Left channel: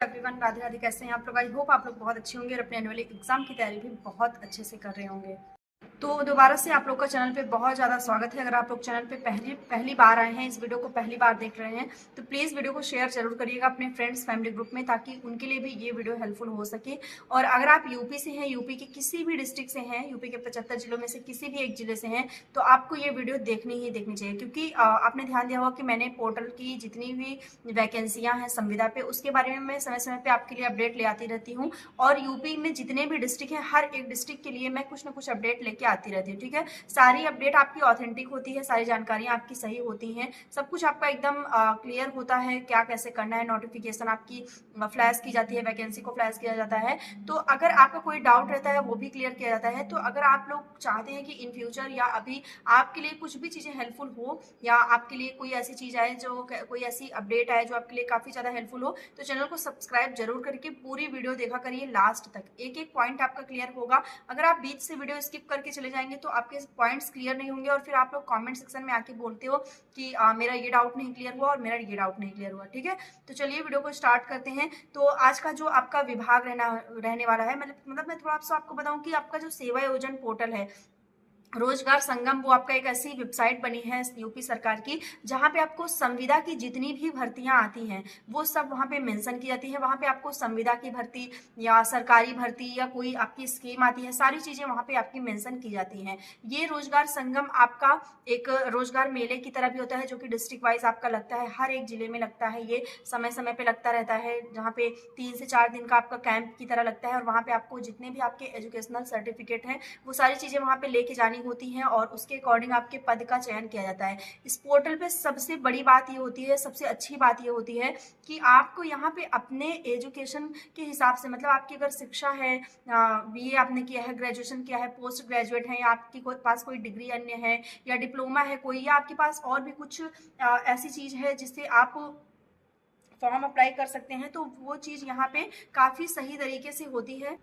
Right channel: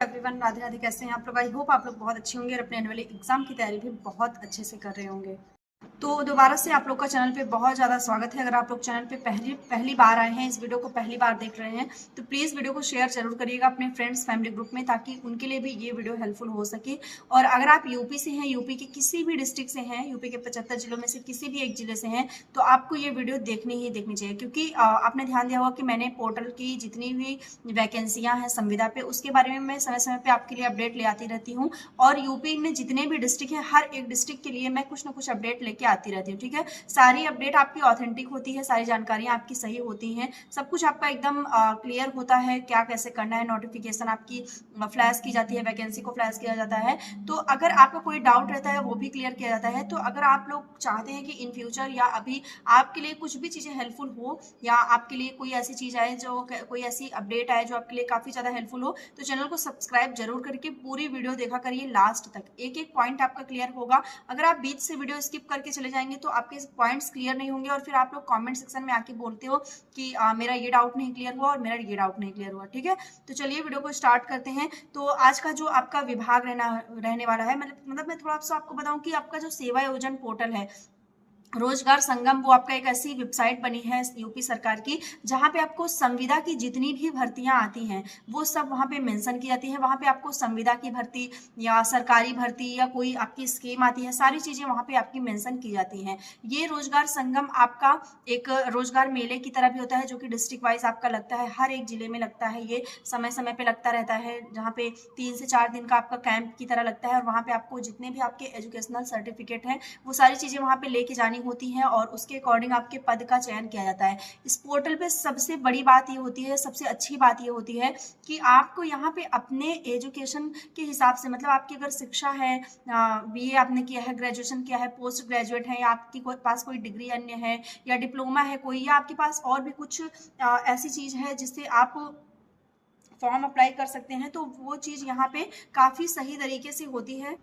Everyone, Radhe Radhe. कैसे हैं आप लोग? आई होप आप लोग बहुत अच्छे होंगे और अपने आने वाले एग्जाम की तैयारी भी बहुत अच्छे से कर रहे होंगे। तो दोबारा से आप लोग का चैनल पे बहुत ज़्यादा स्वागत है। अगर आप लोग चैनल पे पहली पहली बार आए हैं, इस वीडियो को पहली बार देख रहे हैं, तो प्लीज़ वीडियो को शेयर जरूर करिएगा अपने फ्रेंड्स फैमिली ग्रुप में, ताकि उनके लिए भी ये वीडियो हेल्पफुल हो सके। और अगर आप यूपी से हैं, यूपी के किसी भी डिस्ट्रिक्ट से हैं, यूपी के 75 जिलों में से किसी भी एक जिले से हैं, तो आपको ये वीडियो देखनी ही देखनी चाहिए। क्योंकि आपने ध्यान दिया होगा कि मैंने पोर्टल की जितनी भी वैकेंसियाँ हैं संविदा पे, उसके बारे में मैं समय समय पे आपके लिए अपडेट ले आती रहती हूँ। और यूपी में जितने भी डिस्ट्रिक्ट हैं, हर एक डिस्ट्रिक्ट के लिए मैं कुछ ना कुछ अपडेट लेके आती रहती हूँ। ठीक है, सारी अपडेट आपकी ऑथेंटिक होती है, सारी जानकारियां आपकी सही होती हैं, सब कुछ आपका एकदम क्लियर होता है, क्या कैसे करना है। नोटिफिकेशन आपकी फ्लैश की जाती है, वैकेंसी को फ्लैश किया जाता है। तो अगर आपका कोई डाउट रहता है वो भी क्लियर किया जाता है। तो अगर आप लोग चाहते हैं कि इन फ्यूचर या अभी आपके लिए कुछ भी चीज़ें हेल्पफुल हो, या आपके लिए कोई ऐसी चीज़ आए, जो कोई ऐसी अपडेट आए जो आपके लिए काफ़ी ज़्यादा हेल्पफुल हो, तो चैनल को सब्सक्राइब जरूर करके पूरी वीडियो देखा करिए लास्ट तक। एक एक पॉइंट आपका क्लियर होगा। अगर आप बीच से वीडियो स्किप करके चले जाएंगे तो आपके पॉइंट्स क्लियर नहीं होंगे, और फिर आप लोग कमेंट सेक्शन में आके बोलते हो कि मेरा ये डाउट नहीं क्लियर हुआ और मेरा ये डाउट नहीं क्लियर हुआ। ठीक है, तो चलिए वीडियो को स्टार्ट करते हैं। तो आज का जो आपका विभाग रहने वाला है, मतलब मैं थोड़ा सा आपको बताऊं कि आपका जो सेवा योजन पोर्टल है रोजगार संगम, वो आपका एक ऐसी वेबसाइट बनी है यूपी सरकार की, जहां पे आपको संविदा की जितनी भी भर्तियां आती हैं वो सब वहां पे मेंशन की जाती है। वहां पे आपको संविदा की भर्ती या सरकारी भर्ती या कोई आपकी स्कीम आती है, सारी चीजें वहां पे आपकी मेंशन की जाती हैं। ये रोजगार संगम आपका एक रोजगार मेले की तरह भी होता है, जो कि डिस्ट्रिक्ट वाइज आपका लगता है, हर एक जिले में लगता है। ये समय समय पे लगता रहता है, जहाँ पे 3 से 4 दिन का आपका कैंप की तरह लगता है। और वहाँ पे आपको जितने भी आपके एजुकेशनल सर्टिफिकेट हैं, वो सारी चीजें वहाँ पे लेके जानी होती हैं, और उसके अकॉर्डिंग आपके पद का चयन किया जाता है। इस पोर्टल पे सबसे बड़ी बात ये होती है, सबसे अच्छी बात ये होती है कि आपको यहाँ पे अपने एजुकेशन के हिसाब से, मतलब आपकी अगर शिक्षा है, बीए आपने किया है, ग्रेजुएशन किया है, पोस्ट ग्रेजुएट है, या आपके पास कोई डिग्री अन्य है, या डिप्लोमा है कोई, या आपके पास और भी कुछ ऐसी चीज है जिससे आप फॉर्म अप्लाई कर सकते हैं, तो वो चीज यहाँ पे काफी सही तरीके से होती है।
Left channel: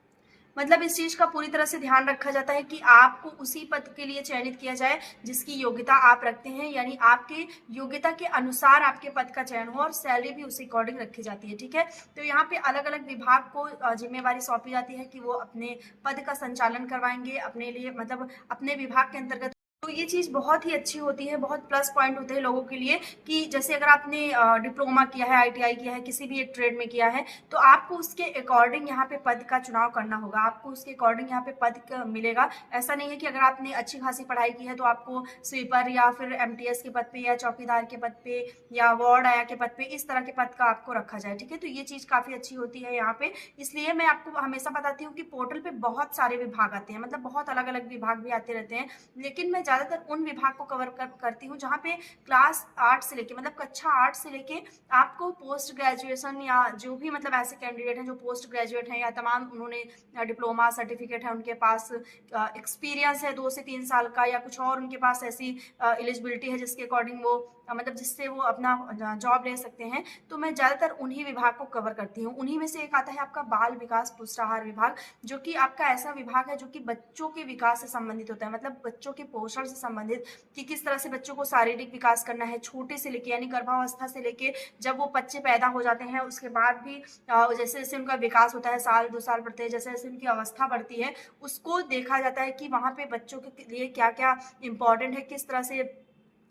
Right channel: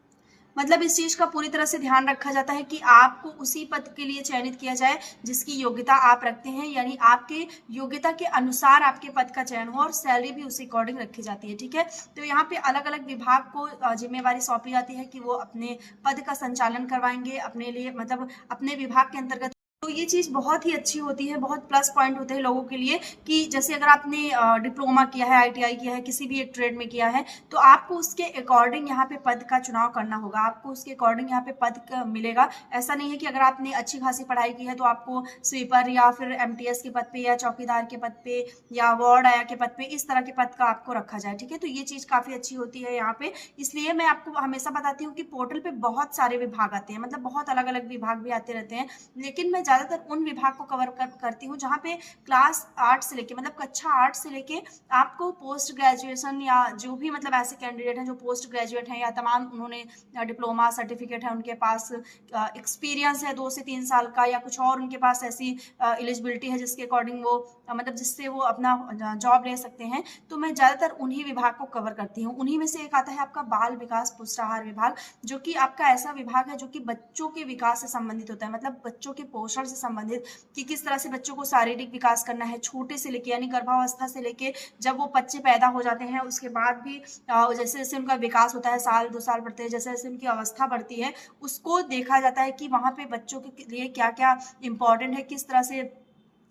मतलब इस चीज का पूरी तरह से ध्यान रखा जाता है कि आपको उसी पद के लिए चयनित किया जाए जिसकी योग्यता आप रखते हैं, यानी आपके योग्यता के अनुसार आपके पद का चयन हो, और सैलरी भी उसी अकॉर्डिंग रखी जाती है। ठीक है, तो यहाँ पे अलग अलग विभाग को जिम्मेवारी सौंपी जाती है कि वो अपने पद का संचालन करवाएंगे अपने लिए, मतलब अपने विभाग के अंतर्गत। तो ये चीज बहुत ही अच्छी होती है, बहुत प्लस पॉइंट होते हैं लोगों के लिए, कि जैसे अगर आपने डिप्लोमा किया है, आईटीआई किया है, किसी भी एक ट्रेड में किया है, तो आपको उसके अकॉर्डिंग यहाँ पे पद का चुनाव करना होगा, आपको उसके अकॉर्डिंग यहाँ पे पद मिलेगा। ऐसा नहीं है कि अगर आपने अच्छी खासी पढ़ाई की है तो आपको स्वीपर या फिर एमटीएस के पद पे, या चौकीदार के पद पे, या वार्ड आया के पद पे, इस तरह के पद का आपको रखा जाए। ठीक है, तो ये चीज काफी अच्छी होती है यहाँ पे। इसलिए मैं आपको हमेशा बताती हूँ कि पोर्टल पे बहुत सारे विभाग आते हैं, मतलब बहुत अलग अलग विभाग भी आते रहते हैं, लेकिन मैं ज्यादातर उन विभाग को कवर करती हूँ जहाँ पे क्लास 8 से लेके, मतलब कक्षा 8 से लेके आपको पोस्ट ग्रेजुएशन, या जो भी मतलब ऐसे कैंडिडेट हैं जो पोस्ट ग्रेजुएट हैं, या तमाम उन्होंने डिप्लोमा सर्टिफिकेट है, उनके पास एक्सपीरियंस है 2 से 3 साल का, या कुछ और उनके पास ऐसी एलिजिबिलिटी है जिसके अकॉर्डिंग वो मतलब जिससे वो अपना जॉब ले सकते हैं, तो मैं ज्यादातर उन्हीं विभाग को कवर करती हूँ। उन्हीं में से एक आता है आपका बाल विकास पुष्टाहार विभाग, जो कि आपका ऐसा विभाग है जो कि बच्चों के विकास से संबंधित होता है, मतलब बच्चों के पोषण से संबंधित, कि किस तरह से बच्चों को शारीरिक विकास करना है, छोटे से लेके, यानी गर्भावस्था से लेके जब वो बच्चे पैदा हो जाते हैं उसके बाद भी जैसे जैसे उनका विकास होता है, साल 2 साल बढ़ते हैं, जैसे जैसे उनकी अवस्था बढ़ती है, उसको देखा जाता है कि वहां पे बच्चों के लिए क्या क्या इंपॉर्टेंट है, किस तरह से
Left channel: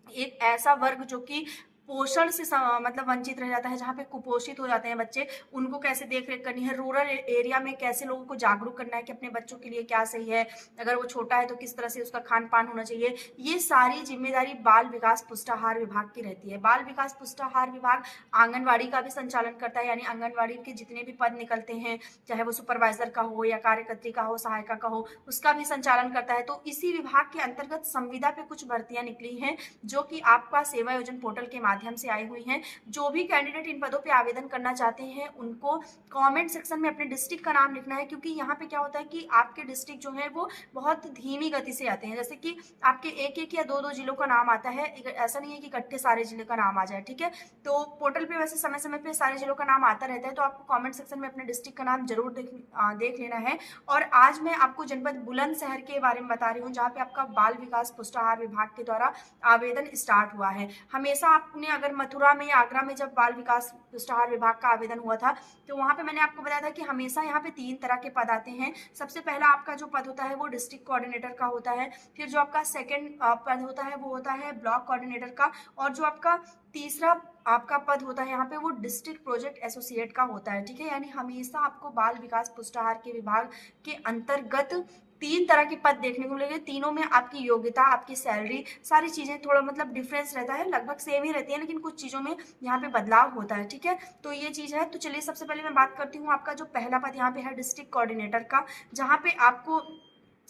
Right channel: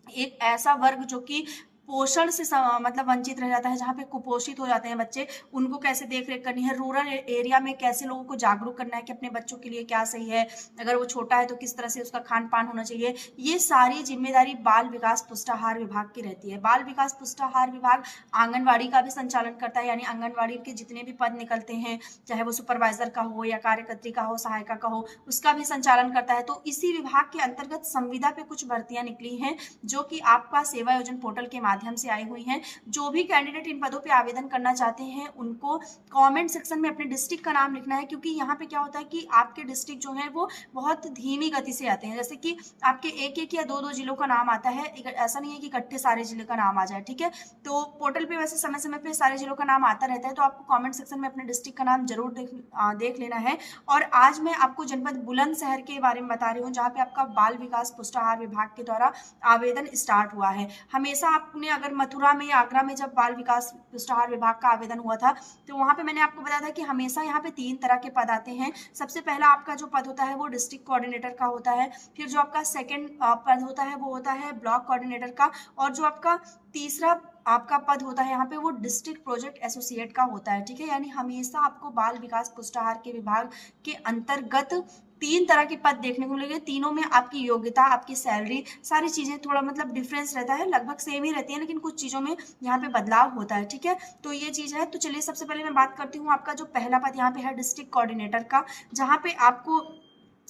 एक ऐसा वर्ग जो कि पोषण से मतलब वंचित रह जाता है, जहाँ पे कुपोषित हो जाते हैं बच्चे, उनको कैसे देख रेख करनी है, रूरल एरिया में कैसे लोगों को जागरूक करना है कि अपने बच्चों के लिए क्या सही है, अगर वो छोटा है तो किस तरह से उसका खान पान होना चाहिए, ये सारी जिम्मेदारी बाल विकास पुष्टाहार विभाग की रहती है। बाल विकास पुष्टाहार विभाग आंगनबाड़ी का भी संचालन करता है, यानी आंगनबाड़ी के जितने भी पद निकलते हैं, चाहे वो सुपरवाइजर का हो, या कार्यकर्त्री का हो, सहायिका का हो, उसका भी संचालन करता है। तो इसी विभाग के अंतर्गत संविदा पे कुछ भर्तियां निकली हैं, जो कि आपका सेवा योजन पोर्टल के माध्यम से आई हुई हैं। जो भी कैंडिडेट इन पदों पे आवेदन करना चाहते हैं, उनको कमेंट सेक्शन में अपने डिस्ट्रिक्ट का नाम लिखना है, क्योंकि यहाँ पे क्या होता है कि आपके डिस्ट्रिक्ट जो है वो बहुत धीमी गति से आते हैं, जैसे कि आपके एक एक या दो दो जिलों का नाम आता है, ऐसा नहीं है कि इकट्ठे सारे जिले का नाम आ जाए। ठीक है, तो पोर्टल पे वैसे समय समय पे सारे जिलों का नाम आता रहता है, तो आपको कॉमेंट सेक्शन में अपने डिस्ट्रिक्ट का नाम जरूर देख लेना है। और आज मैं आपको जनपद बुलंदशहर के बारे में बता रही हूँ, जहाँ पे आपका बाल विकास पुष्टाहार विभाग के द्वारा आवेदन स्टार्ट हुआ है। हमेशा आपने जिन्होंने अगर मथुरा में या आगरा में जब बाल विकास पुष्टाहार विभाग का आवेदन हुआ था तो वहाँ पे मैंने आपको बताया था कि हमेशा यहाँ पे 3 तरह के पद आते हैं। सबसे पहला आपका जो पद होता है वो डिस्ट्रिक्ट कोऑर्डिनेटर का होता है, फिर जो आपका सेकंड पद होता है वो होता है ब्लॉक कोऑर्डिनेटर का, और जो आपका तीसरा आपका पद होता है यहाँ पे वो डिस्ट्रिक्ट प्रोजेक्ट एसोसिएट का होता है। ठीक है, यानी हमेशा आपको बाल विकास पुष्टाहार के विभाग के अंतर्गत 3 तरह के पद देखने को मिलेंगे। तीनों में आपकी योग्यता, आपकी सैलरी, सारी चीजें थोड़ा मतलब डिफरेंस रहता है, लगभग सेम ही रहती है, लेकिन कुछ चीजों में यहाँ पे बदलाव होता है। ठीक है, तो ये चीज है। तो चलिए सबसे पहले मैं बात करती हूँ आपका जो पहला पद यहाँ पे है डिस्ट्रिक्ट कोऑर्डिनेटर का, जहाँ पे आपको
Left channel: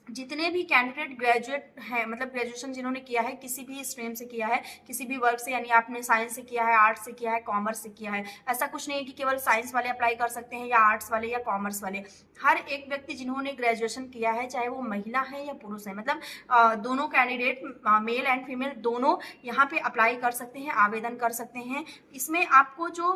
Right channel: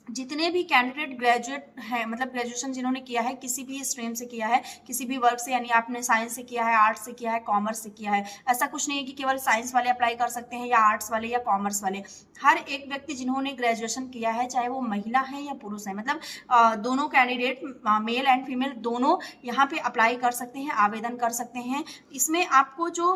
जितने भी कैंडिडेट ग्रेजुएट हैं, मतलब ग्रेजुएशन जिन्होंने किया है, किसी भी स्ट्रीम से किया है, किसी भी वर्ग से, यानी आपने साइंस से किया है, आर्ट्स से किया है, कॉमर्स से किया है, ऐसा कुछ नहीं है कि केवल साइंस वाले अप्लाई कर सकते हैं या आर्ट्स वाले या कॉमर्स वाले। हर एक व्यक्ति जिन्होंने ग्रेजुएशन किया है, चाहे वो महिला है या पुरुष है, मतलब दोनों कैंडिडेट मेल एंड फीमेल दोनों यहाँ पे अप्लाई कर सकते हैं, आवेदन कर सकते हैं। इसमें आपको जो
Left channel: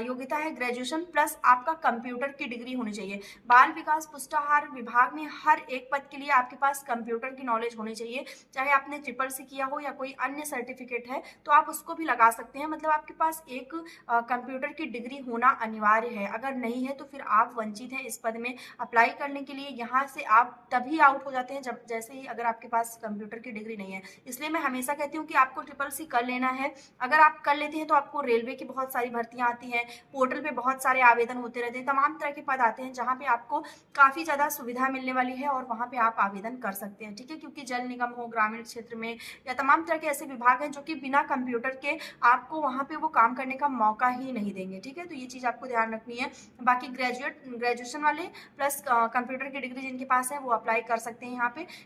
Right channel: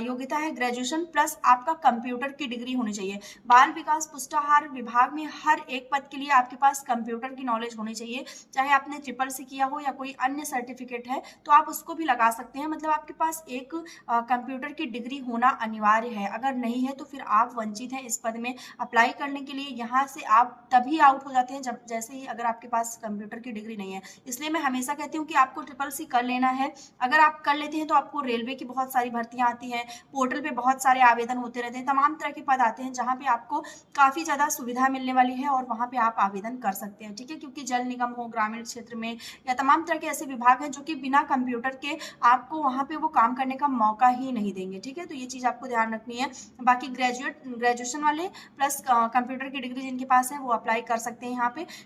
योग्यता है ग्रेजुएशन प्लस आपका कंप्यूटर की डिग्री होनी चाहिए। बाल विकास पुष्टाहार विभाग में हर एक पद के लिए आपके पास कंप्यूटर की नॉलेज होनी चाहिए, चाहे आपने ट्रिपल-सी किया हो या कोई अन्य सर्टिफिकेट है तो आप उसको भी लगा सकते हैं। मतलब आपके पास एक कंप्यूटर की डिग्री होना अनिवार्य है, अगर नहीं है तो फिर आप वंचित हैं इस पद में अप्लाई करने के लिए। यहाँ से आप तभी आउट हो जाते हैं जब जैसे ही अगर आपके पास कंप्यूटर की डिग्री नहीं है। इसलिए मैं हमेशा कहती हूँ कि आपको ट्रिपल-सी कर लेना है। अगर आप कर लेते हैं तो आपको रेलवे की बहुत सारी भर्तियां आती हैं, पोर्टल पे बहुत सारे आवेदन होते रहते हैं, तमाम तरह के पद आते हैं जहाँ पे आपको काफी ज्यादा सुविधा मिलने वाली है और वहाँ पे आप आवेदन कर सकते हैं। ठीक है, क्योंकि जल निगम हो, ग्रामीण क्षेत्र में, या तमाम तरह के ऐसे विभाग हैं जो कि बिना कंप्यूटर के आपको वहाँ पे वो काम करने का मौका ही नहीं देंगे। ठीक है, तो ये चीज आपको ध्यान रखनी है। बाकी ग्रेजुएशन वाले प्लस कंप्यूटर की डिग्री जिनके पास है वो अप्लाई कर सकते हैं।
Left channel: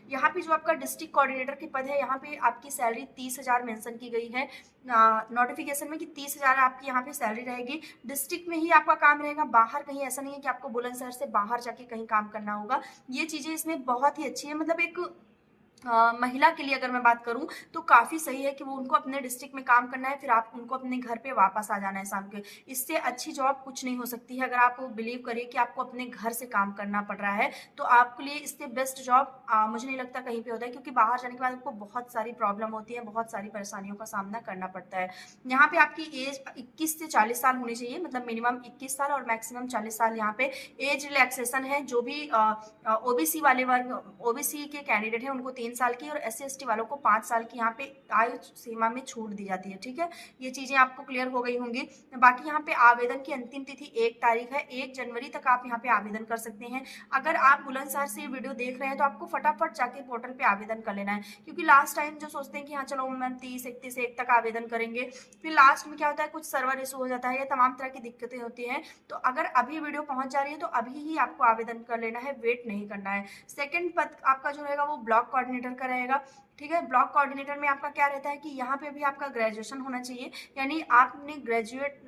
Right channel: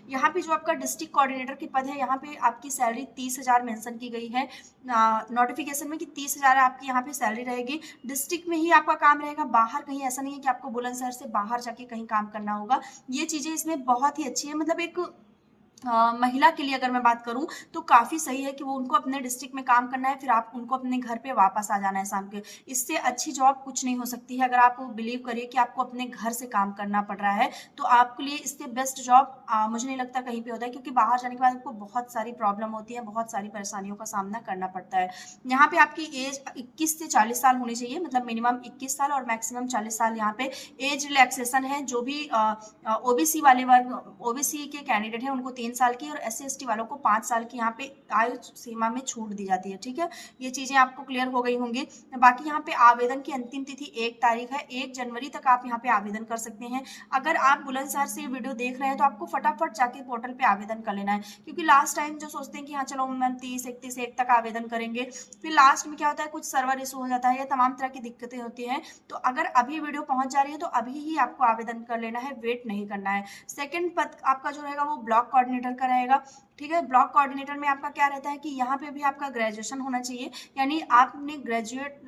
यहाँ पे जो आपका डिस्ट्रिक्ट कोऑर्डिनेटर के पद है, यहाँ पे आपकी सैलरी 30,000 मेंशन की गई है नोटिफिकेशन में कि 30,000 आपकी यहाँ पे सैलरी रहेगी। डिस्ट्रिक्ट में ही आपका काम रहेगा, बाहर कहीं ऐसा नहीं है कि आपको बुलंदशहर से बाहर जाके कहीं काम करना होगा। ये चीजें इसमें बहुत ही अच्छी है। मतलब एक महिला के लिए अगर मैं बात करूं तो काफी सही है कि वो उनको अपने डिस्ट्रिक्ट में काम करना है, फिर आप उनको अपने घर पे वापस आ जाना है शाम के। इससे अच्छी जॉब कुछ नहीं हो सकती है। अगर आप बिलीव करिए कि आपको अपने घर से काम करना पड़ रहा है तो आपके लिए इससे बेस्ट जॉब मुझे नहीं लगता कहीं पे होता है, क्योंकि बाहर जाने के बाद आपको बहुत सारी प्रॉब्लम होती है, बहुत सारी परेशानियों का सामना करना पड़ता है। यहाँ पे आपकी एज 21 से 40 साल होनी चाहिए, मतलब मिनिमम 21 साल और मैक्सिमम 40 साल यहाँ पे एज रिलैक्सेशन है। जो भी ओबीसी वाले वर्ग, ओबीसी के कैंडिडेट हैं उनको 3 साल की और SC/ST वालों को 5 साल की यहाँ पे आयु सीमा में छूट दी जाती है। ठीक है, ये चीजें आपको क्लियर हो गई होंगी। बाकी यहाँ पे आवेदन की अंतिम तिथि 1 तारीख है, 1 जनवरी तक आप यहाँ पे आवेदन कर सकते हैं। अगर आप बुलंदशहर से ये वीडियो देख रहे हैं तो आपको फटाफट जाके पोर्टल पे आवेदन कर लेना है, क्योंकि लास्ट टाइम जो सोचते हैं कि हाँ चलो मैं 30-31 तक आवेदन करेंगे, फिर लास्ट में क्या होता है कुछ सर्वर इशू हो जाता है या तमाम तरह की दिक्कतें होती हैं। तो अगर अभी वीडियो पहुंच जा रही है तो अभी ही आपको आवेदन कर लेना है, वेट नहीं करना है। सेकंड पद आपका जो रहेगा वो ब्लॉक कोऑर्डिनेटर का रहेगा। ठीक है, ब्लॉक कोऑर्डिनेटर में आपका क्या रहता है कि यहाँ पे भी आपका ग्रेजुएशन होना चाहिए, यानी आपने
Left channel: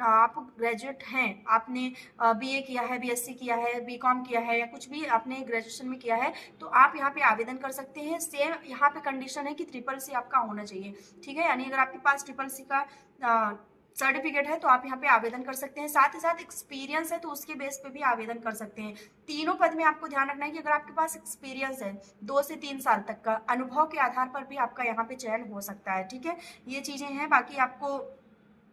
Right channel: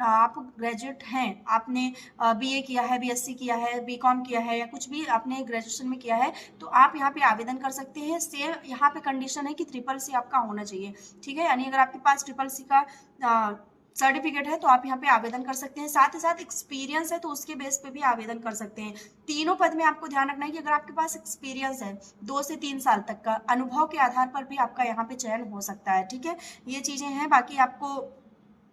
आप ग्रेजुएट हैं, आपने BA किया है, BSc किया है, BCom किया है या कुछ भी आपने ग्रेजुएशन में किया है तो आप यहाँ पे आवेदन कर सकते हैं। सेम यहाँ पे कंडीशन है कि ट्रिपल-सी आपका होना चाहिए। ठीक है, यानी अगर आपके पास ट्रिपल-सी का सर्टिफिकेट है तो आप यहाँ पे आवेदन कर सकते हैं। साथ ही साथ एक्सपीरियंस है तो उसके बेस पे भी आवेदन कर सकते हैं। तीनों पद में आपको ध्यान रखना है कि अगर आपके पास एक्सपीरियंस है 2 से 3 साल तक का, अनुभव के आधार पर भी आपका यहाँ पे चयन हो सकता है। ठीक है, ये चीजें हैं। बाकी आपको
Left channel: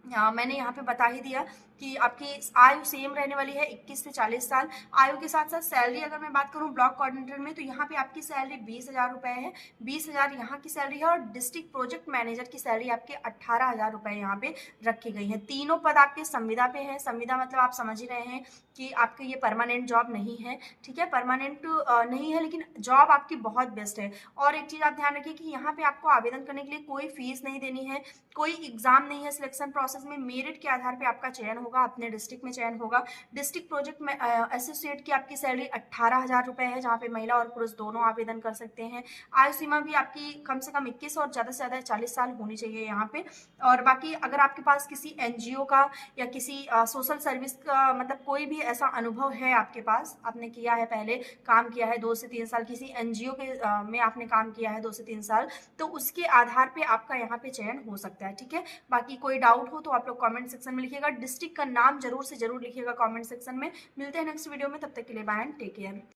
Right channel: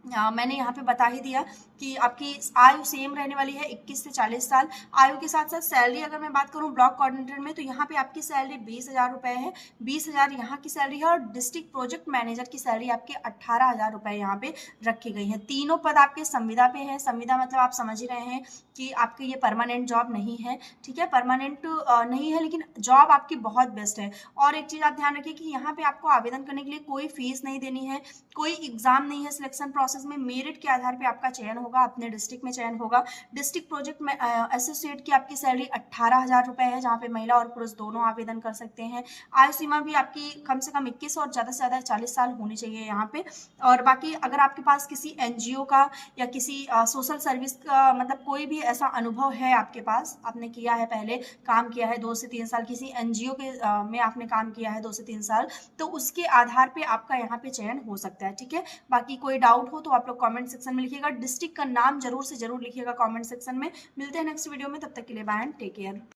मैंने यहाँ पे बता ही दिया कि आपकी आयु सेम रहने वाली है 21 से 40 साल। आयु के साथ साथ सैलरी अगर मैं बात करूँ ब्लॉक कोऑर्डिनेटर में तो यहाँ पे आपकी सैलरी 20,000 रुपए है, 20,000 यहाँ की सैलरी है और डिस्ट्रिक्ट प्रोजेक्ट मैनेजर की सैलरी आपके 18,000 रुपए यहाँ पे रखी गई है। तीनों पद आपके संविदा पे है। संविदा मतलब आप समझ ही रहे हैं कि आपके ये परमानेंट जॉब नहीं है। ठीक है, परमानेंट नहीं है लेकिन जॉब आपकी बहुत बेस्ट है। और एक चीज आप ध्यान रखिए कि यहाँ पे आपको आवेदन करने के लिए कोई फीस नहीं देनी है, कोई एग्जाम नहीं है। सिलेक्शन प्रोसेस में मेरिट के आधार पे आपका चयन होगा, अपने डिस्ट्रिक्ट में चयन होगा। डिस्ट्रिक्ट प्रोजेक्ट में एसोसिएट की आपकी सैलरी 18,000 रुपए है, जहाँ पे महिला और पुरुष दोनों आवेदन कर सकते हैं। आयु सीमा भी आपकी कम से कम 21 और ज्यादा से ज्यादा 40 साल होनी चाहिए यहाँ पे। और बाकी अगर आपके पास किसी NGO का या किसी सोशल सर्विस का मतलब कोई भी ऐसा अनुभव है आपके पास, आपने किया है पहले काम किया है 2 से 3 साल किसी NGO के में आपने काम किया है 2 से 3 साल, तो उसके आधार पे आपका यहाँ पे चयन हो सकता है। ठीक है, बाकी कोई डाउट हो तो आप लोग कमेंट सेक्शन में लिखिएगा। डिस्ट्रिक्ट का नाम जरूर से जरूर लिखिएगा कमेंट सेक्शन में। मिलते हैं नेक्स्ट वीडियो में, तब तक के लिए बाय एंड टेक केयर।